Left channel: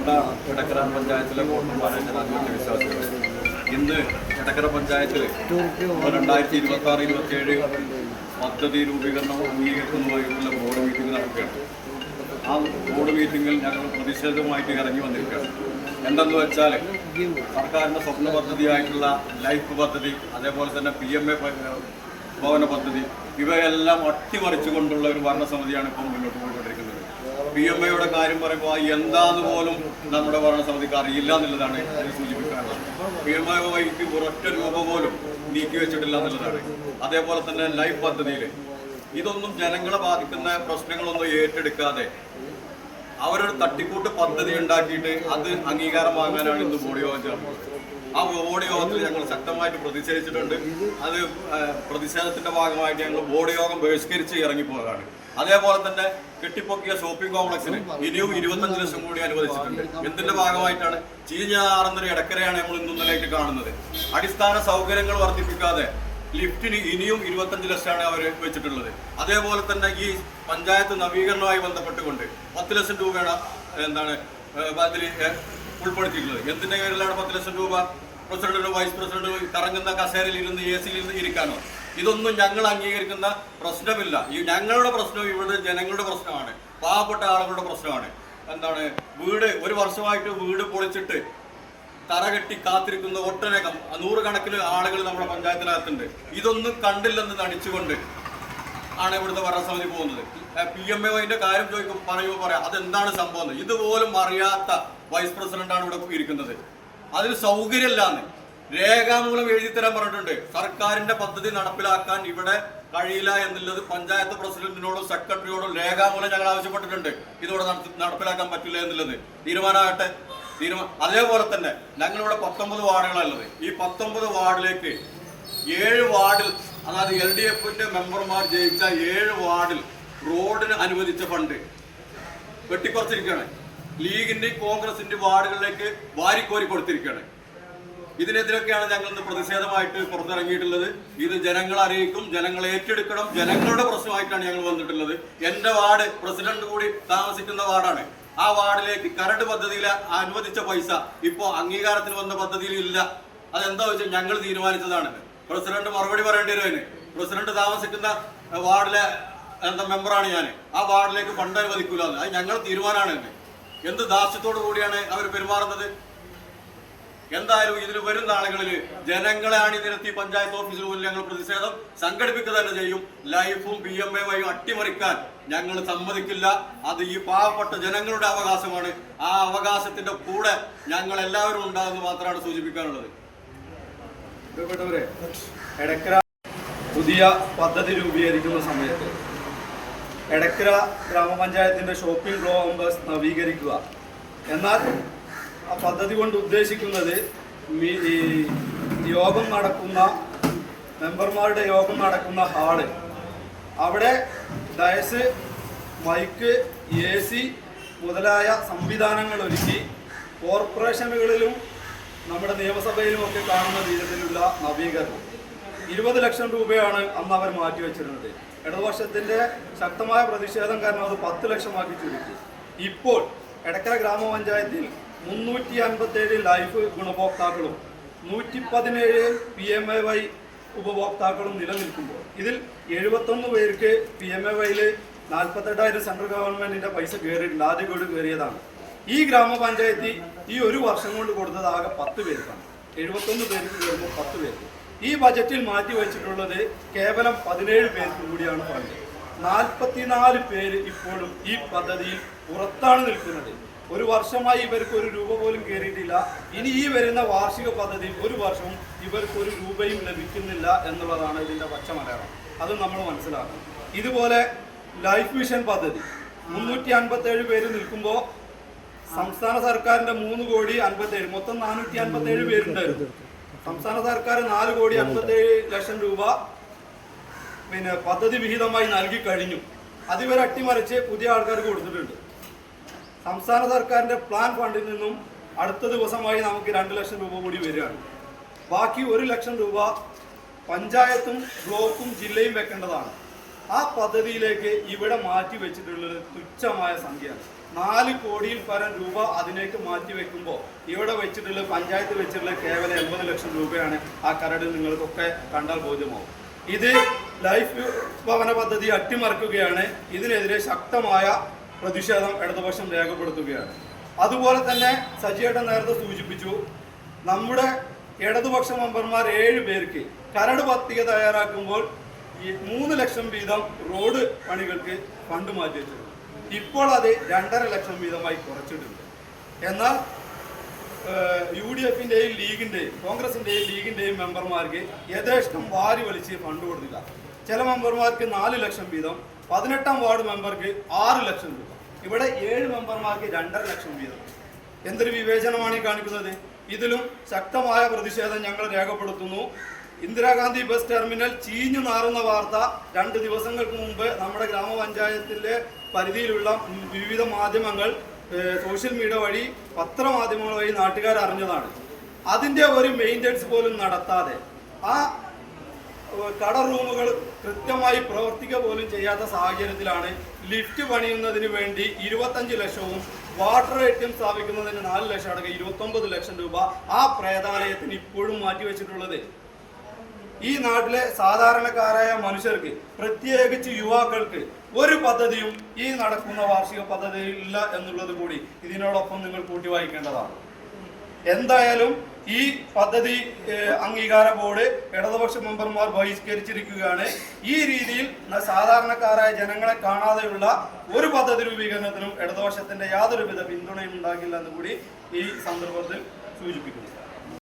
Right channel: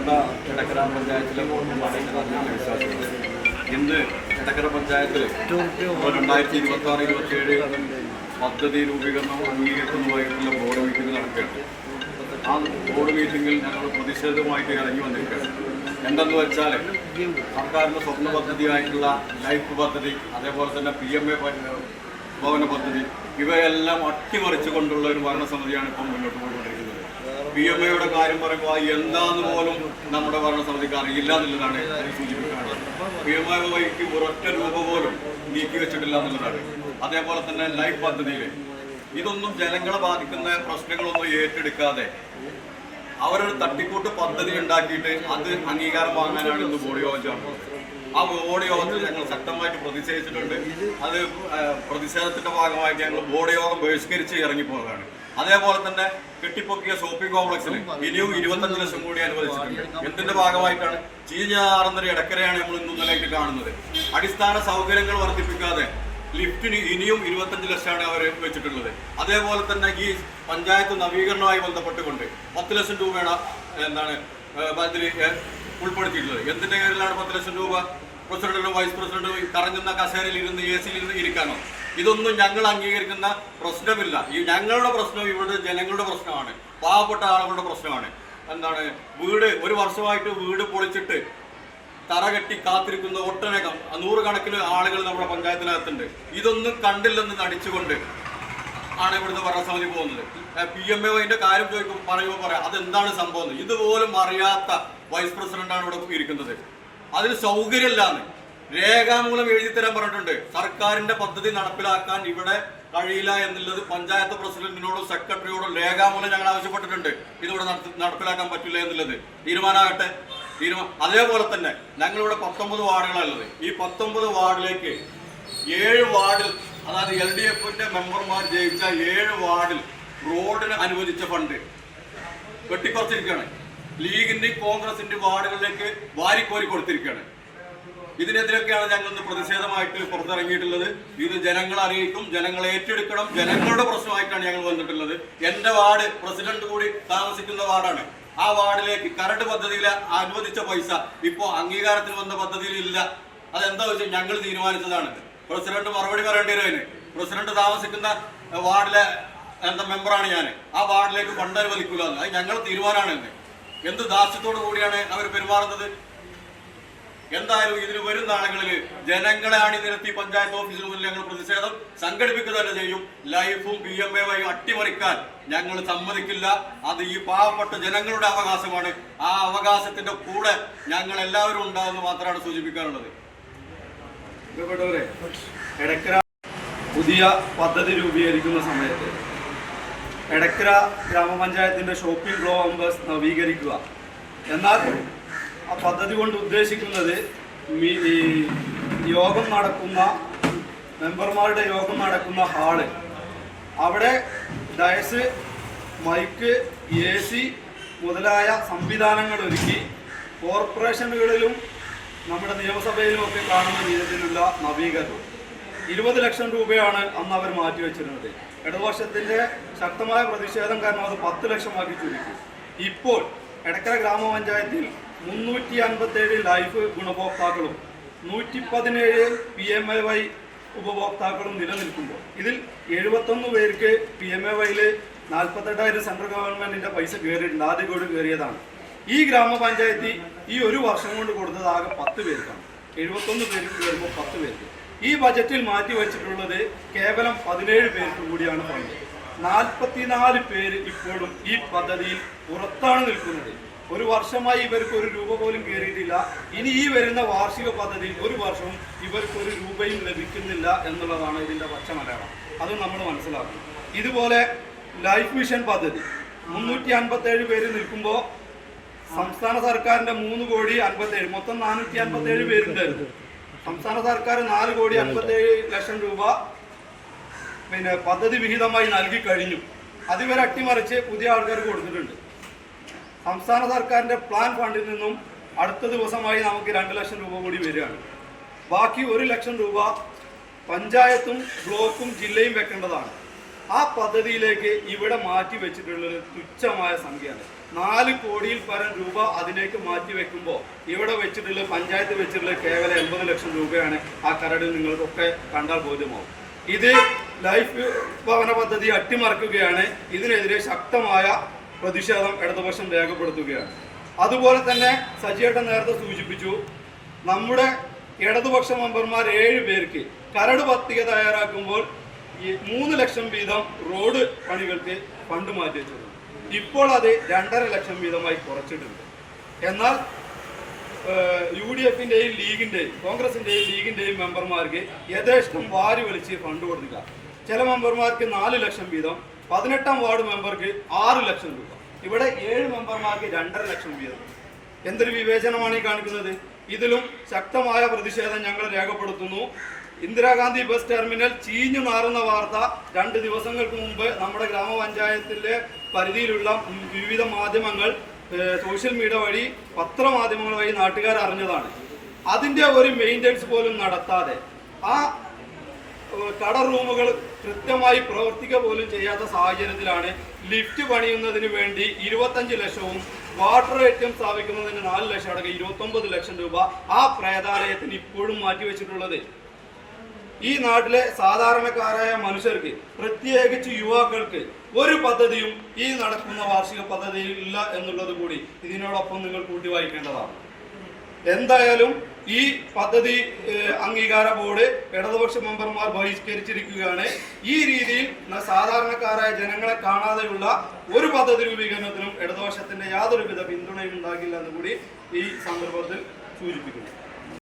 പ്രിയപ്പെട്ട എടക്കര പഞ്ചായത്തിലെ വോട്ടർമാരെ ഞാൻ ആദ്യത്തെ വിശ്വാസികൾ, ഇന്ന് എടക്കര പഞ്ചായത്തിൽ 2026-27 പദ്ധതി രൂപീകരണം അംഗീകരിക്കുന്നതുമായിട്ടുള്ള ബോർഡ് മീറ്റിംഗ് നടക്കുകയാണ്. ആ ബോർഡ് മീറ്റിങ്ങിൽ ഞങ്ങൾ പ്രതിഷേധവുമായിട്ട് ഇറങ്ങി വന്നിരിക്കുകയാണ്. എന്തെന്ന് വെച്ചാൽ സർക്കാരിൻ്റെ സ്വപ്ന പദ്ധതിയായിട്ടുള്ള ലൈഫ് പദ്ധതി, അതേപോലെ തന്നെ PMA ഭവന പദ്ധതി, ഇവയെല്ലാം അട്ടിമറിച്ചുകൊണ്ടുള്ള ഒരു ഭരണസമിതിയാണ് ഇപ്പം മുന്നോട്ട് പോയിക്കൊണ്ടിരിക്കുന്നത്. PMAയുടെ കാര്യം പറയുമ്പോൾ എന്താന്ന് പോലും നമ്മുടെ ഭരണസമിതിക്ക് അറിയില്ല എന്നുള്ളതാണ് അതിന് സൂചിപ്പിക്കാനുള്ളത്. PMAയ്ക്ക് ഒരൊറ്റ രൂപ പോലും നീക്കി വെച്ചിട്ടില്ല എന്നുള്ളതാണ്. അതേപോലെ തന്നെ ലൈഫ് പദ്ധതിയിൽ ഇതൊന്നും ജനങ്ങളെ ബാധിക്കുന്ന പ്രശ്നങ്ങളൊന്നും ഏറ്റെടുക്കാതെ അവരൊരു തട്ടിക്കൂട്ട് പദ്ധതി ഉണ്ടാക്കിയിട്ട് അത് അംഗീകാരം വാങ്ങാനാണ് ഇന്ന് ബോർഡ് യോഗം ചേർന്നത്. ആ ബോർഡ് യോഗത്തിൽ ഞങ്ങൾ ശക്തമായിട്ട് പ്രതിഷേധിച്ചിട്ടുണ്ട്. അത് പ്രതിഷേധത്തിന്റെ ഭാഗമായിട്ട് ഞങ്ങൾ ബോർഡ് യോഗം ബഹിഷ്കരിച്ച് ഇറങ്ങിപ്പോകാണ്. അതേപോലെ തന്നെ കെട്ടിപ്പൊക്കിയ ഷോപ്പിംഗ് കോംപ്ലക്സിന് ഇനിയും 25 ലക്ഷം കൂടി അനുവദിച്ചിട്ടുണ്ട്. എന്തിന്റെ ഭാഗമായിട്ടാണ്? ചീഞ്ഞാറുന്നൊരു ഇടക്കരയാണ് നമ്മൾ ഇന്നലെയായിട്ട് കാണുന്നത്. അടിസ്ഥാന സൗകര്യങ്ങൾ വർദ്ധിപ്പിക്കാതെ ലിഫ്റ്റിന് ഇനിയും 25 ലക്ഷമാണ് അവർ വെച്ചിട്ടുള്ളത്. അതേപോലെ തന്നെ ഈ പഞ്ചായത്ത് നവീകരണവുമായി ബന്ധപ്പെട്ടുകൊണ്ട് 10 ലക്ഷം രൂപയാണ് അതിൽ ഉൾപ്പെടുത്തിയിട്ടുള്ളത്. എന്തിന്റെ പേരിലാണ് 10 ലക്ഷം രൂപ? പ്രസിഡന്റ്, വൈസ് പ്രസിഡന്റ് കറങ്ങുന്ന കസേരയിൽ ഇരുന്ന് AC-യിൽ ഇരുന്ന് ഇരിക്കാനോ? ഇതൊന്നും ഞങ്ങൾ അംഗീകരിക്കുന്ന പ്രശ്നമില്ല. ഈ ഞങ്ങളുടെ പ്രശ്നം ഇവിടെ ജനങ്ങളുടെ പ്രശ്നമാണ്, പാവപ്പെട്ട ആളുകളുടെ പ്രശ്നമാണ്. വീട് ഒരു വർഷമായിട്ട് വീട് പൊളിച്ചിട്ട് തറകെട്ടി കാത്തിരിക്കുന്ന ഒട്ടനേകം 100 കണക്കിന് ആളുകൾ നമ്മുടെ പഞ്ചായത്തിനകത്തുണ്ട്. ഇതൊന്നും കണ്ടില്ലെന്ന് നടിച്ചുകൊണ്ട് ആണ് ഇവിടുത്തെ ഭരണസമിതി പോകുന്നത്. PMAന്റെ കാര്യം പറയുമ്പോൾ പറയാം അതെന്താണ് സംഭവം. ഇതുപോലും അറിയാത്ത വൈസ് പ്രസിഡന്റാണ് ഇവിടെ ഇരിക്കുന്നത്. അതിന് സൗകര്യമില്ലാന്ന് രേഖാമൂലം എഴുതി തരാൻ പറഞ്ഞിട്ടുണ്ട്. സർക്കാരിന്റെ പദ്ധതി നടപ്പിലാക്കാൻ ഇവിടെ കഴിയില്ല എന്നുള്ളത് പഞ്ചായത്ത് പ്രസിഡന്റിനോടും സെക്രട്ടറിയോടും രേഖാമൂലം ഞങ്ങൾ ആവശ്യപ്പെട്ടിട്ടുണ്ട്. ഇതിവിടെ നടപ്പിലാക്കാൻ പറ്റില്ല എന്നുള്ളത് തീരുമാനമാകട്ടെ. അതേപോലെ തന്നെ ഞങ്ങളിവിടെ 19 വാർഡുകളുള്ളത്. ഈ 19 വാർഡിലേക്ക് 7 വാർഡിൽ, അതായത് LDFന്റെ മെമ്പർമാർ ജയിച്ച 7 വാർഡിൽ റോഡിന് അനുവദിച്ച ഫണ്ട് വെട്ടിക്കുറച്ചിരിക്കുകയാണ്. ലീഗിന്റെയും കോൺഗ്രസിന്റെയും വാർഡുകളിലേക്ക് വാരിക്കോരി കൊടുത്തിരിക്കുകയാണ്. ഇതിനെതിരൊക്കെയാണ് ഞങ്ങൾ ഇന്ന് പ്രതിഷേധമായിട്ട് പുറത്തിറങ്ങിയിട്ടുള്ളത്. ഇത് ജനങ്ങളെ അറിയിക്കും, ജനങ്ങളെ ഏറ്റെടുക്കണം. ജനങ്ങളുടെ പ്രശ്നമായിട്ടാണ് ഞങ്ങൾ വന്നിട്ടുള്ളത്. എന്റെ വാർഡ് പ്രസിഡന്റ് കൂടി താമസിക്കുന്ന വാർഡാണ്. ആ വാർഡിലേക്ക് കരട് പദ്ധതിയിൽ അനുവദിച്ച പൈസ ഇപ്പോൾ അംഗീകാരത്തിന് വന്ന പദ്ധതിയിൽ ഇല്ല. അതെന്താ വെച്ചാൽ ഞങ്ങൾ തീരുമാനിച്ചതാണ്. പ്രസിഡന്റ് മറുപടി പറയേണ്ടി വരും. അതിന് പ്രസിഡന്റ് താമസിക്കുന്ന വാർഡിലെ മെമ്പറാണ് ഞാൻ. ആ വാർഡിലേക്ക് ഫണ്ട് അനുവദിക്കൂല. അത് ഞങ്ങൾ തീരുമാനമാണ്. എന്ത് ദാസ്യത്തോടു കൂടിയാണ് അവർ പെരുമാറുന്നത്? എന്തായാലും ഇതിന് വരുന്ന ആളുകളിൽ ജനങ്ങളെ അണിനിരത്തി പഞ്ചായത്ത് ഓഫീസിന് മുന്നിൽ ഞങ്ങൾ പ്രതിഷേധം സംഘടിപ്പിക്കുക തന്നെ ചെയ്യും. ലൈഫും PMA വഴി അട്ടിമറിക്കാൻ ഞങ്ങൾ സമ്മതിക്കില്ല. അത് ഈ പാവപ്പെട്ട ജനങ്ങളുടെ അവകാശമാണ്. ആ അവകാശത്തിന്റെ കൂടെ ഞങ്ങൾ എല്ലാവരും ഉണ്ടാകുമെന്ന് മാത്രമാണ് സൂചിപ്പിക്കാനുള്ളത്. എടക്കര പുതിയ പദ്ധതി രൂപീകരിക്കുന്ന സമയത്ത് എടക്കര ഗ്രാമപഞ്ചായത്തിന്റെ ഷോപ്പിംഗ് കോംപ്ലക്സ് നവീകരിക്കുക. എന്നാൽ ആ പദ്ധതി കൊണ്ട് ഉദ്ദേശിക്കുന്നത് യോഗം നടക്കുന്ന മെമ്പർമാരുടെ യോഗം നടക്കുന്ന ഹാള്, അവിടെ ഡയസ്, മൈക്ക്, AC മുതലായ സംവിധാനങ്ങൾ ഒരുക്കി കോർപ്പറേഷനുകളിലും നമ്മുടെ നിയമസഭയിലുമൊക്കെ കാണുന്ന രീതിയിലുള്ള നവീകരണം. 20 ലക്ഷം രൂപയാണ് അന്ന് അവർ മാറ്റിവെച്ചിരുന്നത്. ഇടതുപക്ഷത്തിന്റെ ശക്തമായ പ്രതിഷേധം കാരണം അത് 10 ലക്ഷമാക്കി ചുരുക്കി. ഇപ്പോൾ എടക്കര ഗ്രാമപഞ്ചായത്തിൽ 357 ലൈഫ് ഗുണഭോക്താക്കളും 117 PMAY ഉപഭോക്താക്കളും നിലനിൽക്കുമ്പോൾ ഇതിൽ 71 പേർക്ക് PMAYയിൽ 48,000 സെൻട്രൽ ഗവൺമെന്റിന്റെ പൈസ കയറിയിട്ടുണ്ട്. ആദ്യ ഗഡു കയറിയതാണ്. ഈ ഗ്രാമപഞ്ചായത്തിൽ ഈ ഒരു വർഷം കൊണ്ട് കൊടുത്തത് ആകെ 10 പേർക്കാണ്. 71 പേർക്ക് കയറുമ്പോൾ 10 പേർക്ക്. ഈ ബജറ്റിൽ മാറ്റി വെച്ചിട്ടുള്ളത് കേവലം 17 പേർക്ക് കൂടിയാണ് ഫണ്ട്. 44 പേര് ഇപ്പോഴും ഈ പദ്ധതിയിൽ പുറത്താണ് നിൽക്കുന്നത്. ഒരു വർഷമായി ഇവർക്ക് ഒരു രൂപ പോലും കയറിയിട്ടില്ല. ഇനി ഈ വരുന്ന വാർഷിക പദ്ധതിയിൽ ഒരു വർഷവും ഇവർക്ക് ഒരു രൂപയും ലഭിക്കുന്നില്ല എന്നുള്ളതാണ് ഇതിന്റെ പച്ചമലയാളം. അത് നമ്മൾ മനസ്സിലാക്കണം. ഇതുപോലെ ലൈഫ് മിഷൻ പദ്ധതി 357 പേര് നിൽക്കുമ്പോൾ സംസ്ഥാന സർക്കാരിന്റെ 3,57,000 മൊത്തം 457 പേരുണ്ടായിരുന്നു. സംസ്ഥാന സർക്കാർ 4,57,00,000 രൂപ പദ്ധതി വിഹിതമായി നൽകി കഴിഞ്ഞു. അതിവരെ അട്ടിമറിച്ച് പുതിയ ആൾക്കാർക്ക് കൊടുത്തിട്ടുണ്ട്. സംസ്ഥാന സർക്കാരിന്റെ പ്ലാൻ ഫണ്ടിൽ നിന്നും അടുത്ത ദിവസമായി നമുക്ക് 2 ലക്ഷം രൂപ കൂടി വരികയാണ്. ബാക്കി 1 ലക്ഷം രൂപ പഞ്ചായത്തും ബ്ലോക്കും ജില്ലയും വെക്കേണ്ടതാണ്. ആ പദ്ധതിയിലേക്ക് ഇവിടെ മാറ്റി വെച്ചിട്ടുള്ളത് തുച്ഛമായ സംഖ്യയാണ്. 4 കോടിയിൽ പരം രൂപ അതിലേക്ക് മാറ്റി വെക്കുമ്പോൾ ഇവിടെ വെച്ചിട്ടുള്ള പഞ്ചായത്ത് വെച്ചിട്ടുള്ള കേവലം 80 ലക്ഷം രൂപയാണ്. ആ കരട് നിങ്ങൾക്കൊക്കെ കണ്ടാൽ ബോധ്യമാവും. ഇത് ലൈഫ് ഭവന പദ്ധതി അട്ടിമറിക്കുകയാണ്. ഇതിനെതിരെ ശക്തമായ പ്രതിഷേധം ഇടതുപക്ഷം രേഖപ്പെടുത്തുകയാണ്. അതുപോലെ തന്നെ സജിയേട്ടൻ നേരത്തെ സൂചിപ്പിച്ചു, നമ്മുടെ ഇടതുപക്ഷ മെമ്പർമാർ 7 പേർക്ക് കരട് പട്ടിക തയ്യാറാക്കുമ്പോൾ 3 ലക്ഷം വീതം റോഡ് പണികൾക്ക് ഫണ്ട് മാറ്റി വെച്ചിരുന്നു. ഇപ്പോൾ അത് 2.5 ലക്ഷം വീതമായി കുറച്ചിട്ടുണ്ട്. എന്നാൽ UDF-ന്റെയും ലീഗിന്റെയും കോൺഗ്രസിന്റെയും ലീഗിന്റെയും മെമ്പർമാർക്ക് യഥേഷ്ടം വാരി വലിച്ച് ഫണ്ട് കൊടുക്കുക. ചില മെമ്പർമാർക്ക് 4 ലക്ഷം വീതം, 18ാം വാർഡ് മെമ്പർക്ക് 6 ലക്ഷം രൂപ, ഇവിടെ 7 മെമ്പർമാർക്ക് 2.5 ലക്ഷം വീതം. എന്തൊരു വിവേചനമാണ് ഈ കാണിക്കുന്നത്? ഇതിലും ശക്തമായ പ്രതിഷേധം ഞങ്ങൾ രേഖപ്പെടുത്തുന്നു. ഇന്ദിരാഗാന്ധി ബസ് ടെർമിനൽ ചീഞ്ഞു നാറുന്ന വാർത്ത 2 ദിവസങ്ങൾക്ക് മുമ്പ് നമ്മുടെ ഗ്രാമപഞ്ചായത്തിലെ പരിധിയിലുള്ള വിവിധ മാധ്യമങ്ങൾ, സോഷ്യൽ മീഡിയ വഴി, പത്രമാധ്യമങ്ങൾ വഴി നാട്ടുകാർ അറിഞ്ഞതാണ്. അതിൻ്റെ ഒരു മെയിൻ്റെനൻസ് പോലും നടത്താതെ ആ കട റൂമുകൾ കൃത്യമായി പ്രവർത്തിക്കുക പോലും ചെയ്യാത്ത സാഹചര്യത്തിലാണ് ലിഫ്റ്റ് പണിയുന്നതിന് വേണ്ടി 25 ലക്ഷവും വാട്ടർ ഏറ്റിയം സ്ഥാപിക്കുന്നതിന് 4 ലക്ഷം അടക്കം 29 ലക്ഷം രൂപ ആ പ്രേതാലയത്തിന് ഇപ്പോഴും മാറ്റിവെച്ചിട്ടുള്ളത്. ഈ നാട്ടിലെ സാധാരണക്കാരായ മനുഷ്യർക്ക്, പ്രത്യേകിച്ച് യുവാക്കൾക്ക്, ഒരു പദ്ധതിയും ഈ നടക്കുന്ന വാർഷിക പദ്ധതിയിൽ ഇല്ല എന്നുള്ളത് കൂടി ഇതിനോടൊപ്പം നിങ്ങൾ കൂട്ടി വായിക്കേണ്ടതാണ്. എന്തായാലും ഈ പദ്ധതി അംഗീകാര ബോർഡ് ഇടതുപക്ഷ മെമ്പർമാർ ബഹിഷ്കരിച്ചിരിക്കുകയാണ്. ഈ രീതിയിൽ സാധാരണക്കാരായ ജനങ്ങളെ കാണാതെയുള്ള ഒരു പദ്ധതി രൂപീകരണത്തിനും ഇടതുപക്ഷത്തിന്റെ യാതൊരുവിധ പിന്തുണയും ഉണ്ടാകില്ല എന്ന് കൂടി ഈ സന്ദർഭത്തിൽ സൂചിപ്പിക്കുന്നു.